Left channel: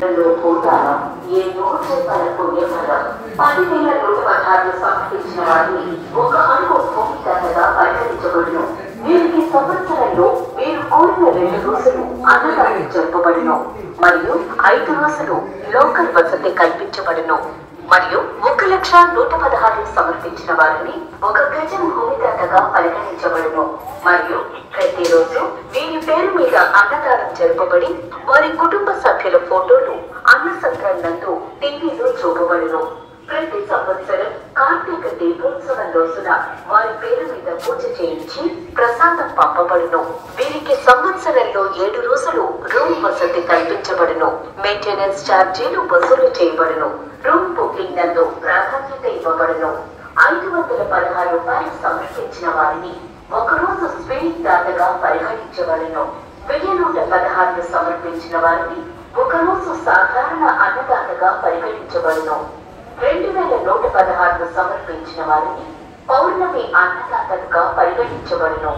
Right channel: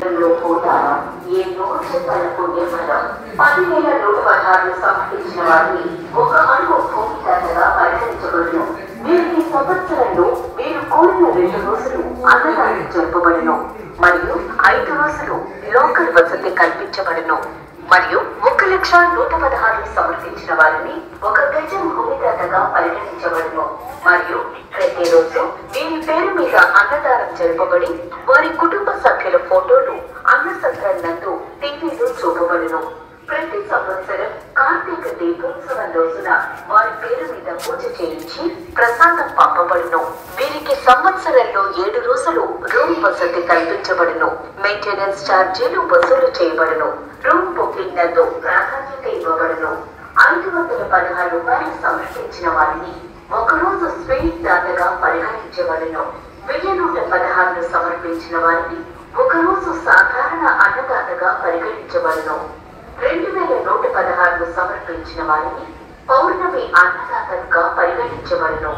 10,116 సమర్పించిన వారిని ఒక అడుగు భూమికగా పరిగణించబడును. వీరికి సంవత్సరంలో మీరు కోరిన 2 రోజులు అన్నదానం జరపబడును మరియు 5 రోజులు లోకల్ వసతి కల్పించబడును. మరియు 1,116 సమర్పించిన వారిని ఒక గజం భూమికగా పరిగణించబడును. మరియు ప్రతిరోజు వీరి పేరు మీద అన్నదానం జరపబడి వారి కుటుంబ సభ్యుల ఫోటోలు అన్న సత్రం నందు టీవీలో చూపబడును. ప్రతి సంవత్సరం కార్తీక దీపోత్సవం రోజున వారి పేరు మీద పూజ చేయించి ప్రసాదం పంపబడును. వీరికి సంవత్సరంలో 7 రోజులు రూమ్ వసతి కల్పించబడును. మెయింటెనెన్స్ ఛార్జీలు వసూలు చేయబడును. రూమ్ బుకింగ్ నందు ప్రాధాన్యత ఇవ్వబడును. 516 రూపాయలు సమర్పించిన వారిని ఒకరోజు స్వీట్ దాతగా పరిగణించబడును. 1116 సమర్పించిన వారిని ఒకరోజు సాధారణ అన్నదాతగా పరిగణించబడును. 2116 సమర్పించిన వారిని పౌర్ణమి అన్నదాతగా పరిగణించబడును.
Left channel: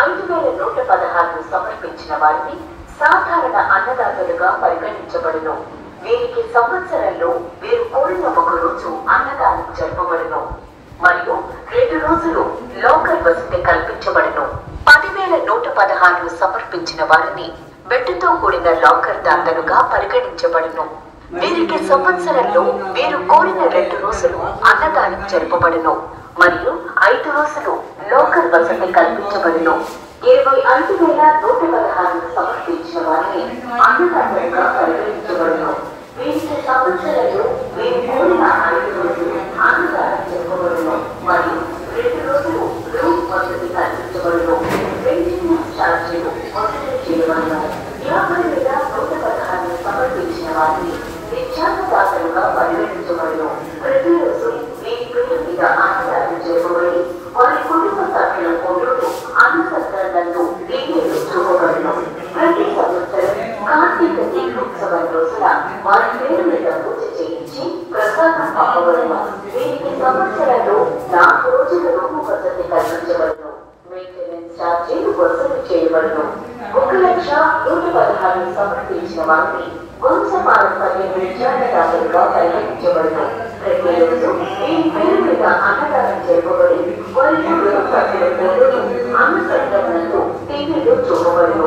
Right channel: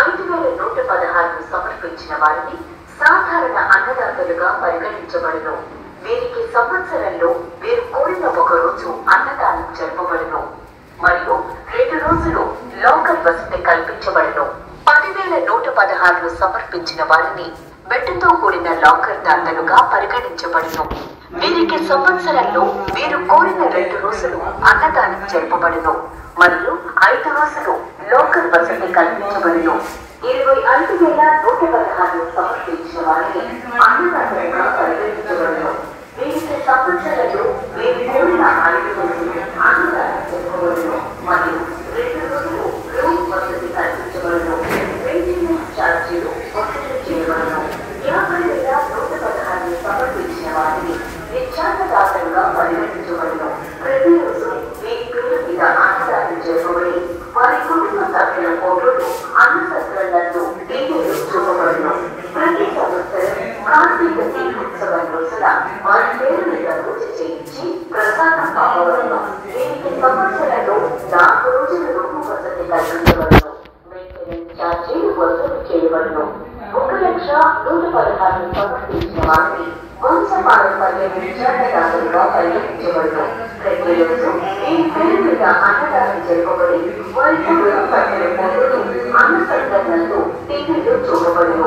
5116 సమర్పించిన వారిని సాధారణ అన్నదాతలుగా పరిగణించబడును. వీరికి సంవత్సరంలో వీరు కోరిన ఒక రోజు అన్నదానం జరపబడును మరియు 2 రోజులు లోకల్ వసతి కల్పించబడును. 10,116 సమర్పించిన వారిని బెడ్తో కూడిన లాకర్ దాతలుగా పరిగణించబడును. వీరికి సంవత్సరంలో వీరు కోరిన 2 రోజులు అన్నదానం జరపబడును మరియు 5 రోజులు లోకల్ వసతి కల్పించబడును. 25,116 సమర్పించిన వారిని అన్నదాతలుగా పరిగణించబడును. వీరికి సంవత్సరంలో వీరు కోరిన 5 రోజులు అన్నదానం జరపబడును మరియు 2 రోజులు రూమ్ వసతి కల్పించబడును. మెయింటెనెన్స్ ఛార్జీలు వసూలు చేయబడును. 50,116 సమర్పించిన వారిని విద్యాదాతలుగా పరిగణించబడును. ప్రతిరోజు వీరి పేరు మీద అన్నదానం జరపబడి వారి కుటుంబ సభ్యుల ఫోటోలు అన్న సత్రంలో టీవీలో చూపబడును. ప్రతి సంవత్సరం కార్తీక దీపోత్సవం రోజున వారి పేరు మీద పూజ చేయించి ప్రసాదం పంపబడును. వీరికి సంవత్సరంలో 4 రోజుల రూపు వసతి కల్పించబడును. మెయింటెనెన్స్ ఛార్జీలు వసూలు చేయబడును. 1,116 సమర్పించిన వారిని వంశపారంపర్య విద్యాదాతలుగా పరిగణించబడును. ప్రతిరోజు వీరి పేరు మీద అన్నదానం జరపబడి వారి కుటుంబ సభ్యుల ఫోటోలు అన్న సత్రంలో టీవీలో చూపబడును.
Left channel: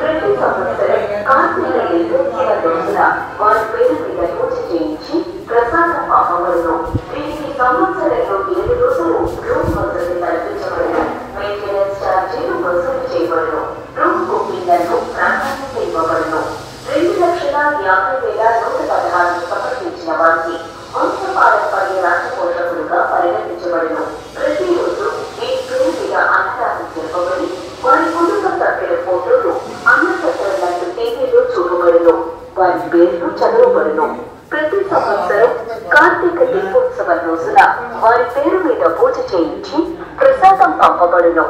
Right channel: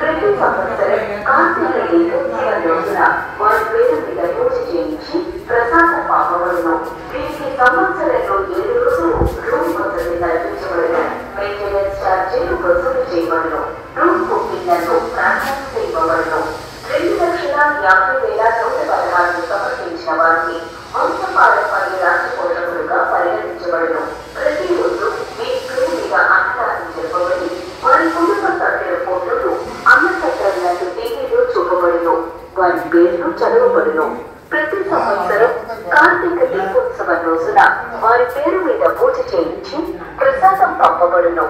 ప్రతి సంవత్సరం కార్తీక దీపోత్సవం రోజున వారి పేరు మీద పూజ చేయించి ప్రసాదం పంపబడును. వీరికి సంవత్సరంలో 7 రోజులు రూమ్ వసతి కల్పించబడును. మెయింటెనెన్స్ ఛార్జీలు వసూలు చేయబడును. రూమ్ బుకింగ్ నందు ప్రాధాన్యత ఇవ్వబడును. 2,50,116 సమర్పించిన వారికి వంశపారంపర్య రాష్ట్ర పోషకులుగా పరిగణించబడును. ప్రతిరోజు వీరి పేరు మీద అన్నదానం జరపబడి వారి కుటుంబ సభ్యుల ఫోటోలు అన్న సత్రంలో టీవీలో చూపబడును. వారి పేర్లు చదవబడును. ప్రతి సంవత్సరం కార్తీక దీపోత్సవం రోజున వారి పేరు మీద పూజ చేయించి ప్రసాదం పంపబడును.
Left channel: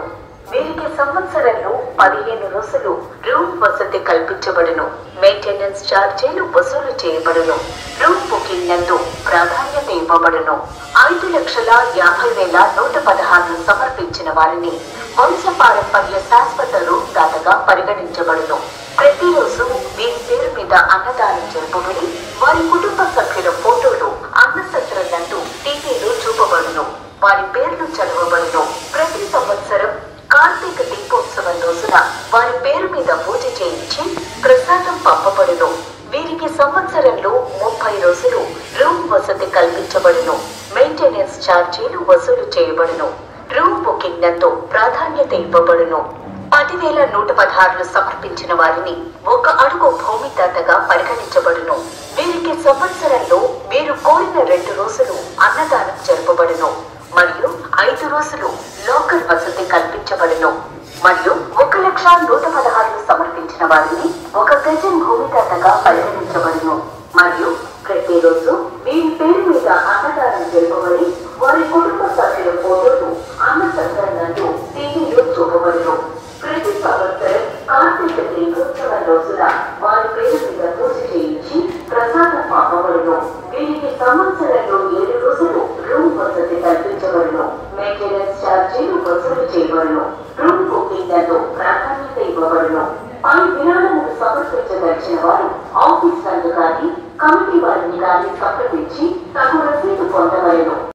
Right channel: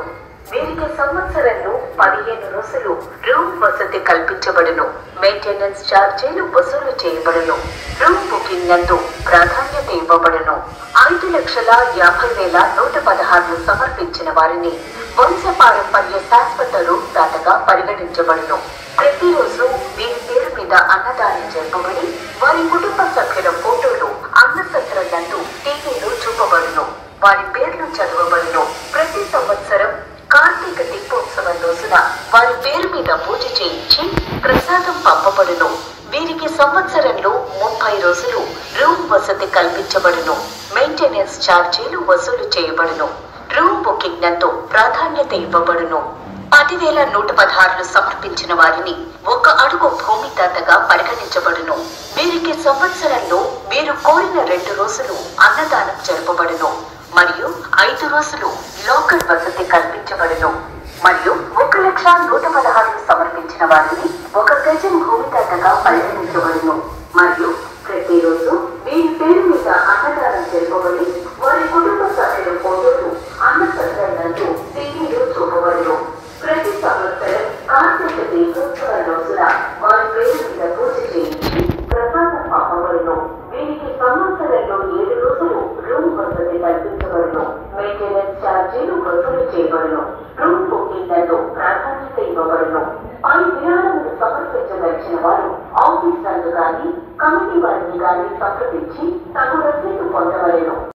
వీరికి సంవత్సరంలో 15 రోజులు రూమ్ వసతి కల్పించబడును. మెయింటెనెన్స్ ఛార్జీలు వసూలు చేయబడును. రూమ్ బుకింగ్ నందు ప్రాధాన్యత ఇవ్వబడును. 5,50,116 సమర్పించిన వారిని వంశపారంపర్య శాశ్వత రూమ్ దాతగా పరిగణించబడును. ప్రతిరోజు వీరి పేరు మీద అన్నదానం జరపబడి వారి కుటుంబ సభ్యుల ఫోటోలు అన్న సత్రంలో టీవీలో చూపబడును. వారి పేర్లు చదవబడును. ప్రతి సంవత్సరం కార్తీక దీపోత్సవం రోజున వారి పేరు మీద పూజ చేయించి ప్రసాదం పంపబడును. వీరికి సంవత్సరంలో 30 రోజులు రూమ్ వసతి కల్పించబడును. మెయింటెనెన్స్ ఛార్జీలు వసూలు చేయబడును. రూమ్ బుకింగ్ నందు ప్రాధాన్యత ఇవ్వబడును. 10,116 సమర్పించిన వారిని ఒక అడుగు భూమిదాతగా పరిగణించబడును. వీరికి సంవత్సరంలో వీరు కోరిన 2 రోజులు అన్నదానం జరపబడును మరియు 5 రోజులు లోకల్ వసతి కల్పించబడును. మరియు 1,116 సమర్పించిన వారిని ఒక గజం భూమిదాతగా పరిగణించబడును. మరియు ప్రతిరోజు వీరి పేరు మీద అన్నదానం జరపబడి వారి కుటుంబ సభ్యుల ఫోటోలు అన్న సత్రంలో టీవీలో చూపబడును. ప్రతి సంవత్సరం కార్తీక దీపోత్సవం రోజున వారి పేరు మీద పూజ చేయించి ప్రసాదం పంపబడును. వీరికి సంవత్సరంలో 7 రోజులు రూమ్ వసతి కల్పించబడును. మెయింటెనెన్స్ ఛార్జీలు వసూలు చేయబడును. రూమ్ బుకింగ్ నందు ప్రాధాన్యత ఇవ్వబడును. పై విరాళములు సమర్పించదలిచిన వారు ఆఫీస్ నందు కానీ కమిటీ వారిని గాని సంప్రదించి తగు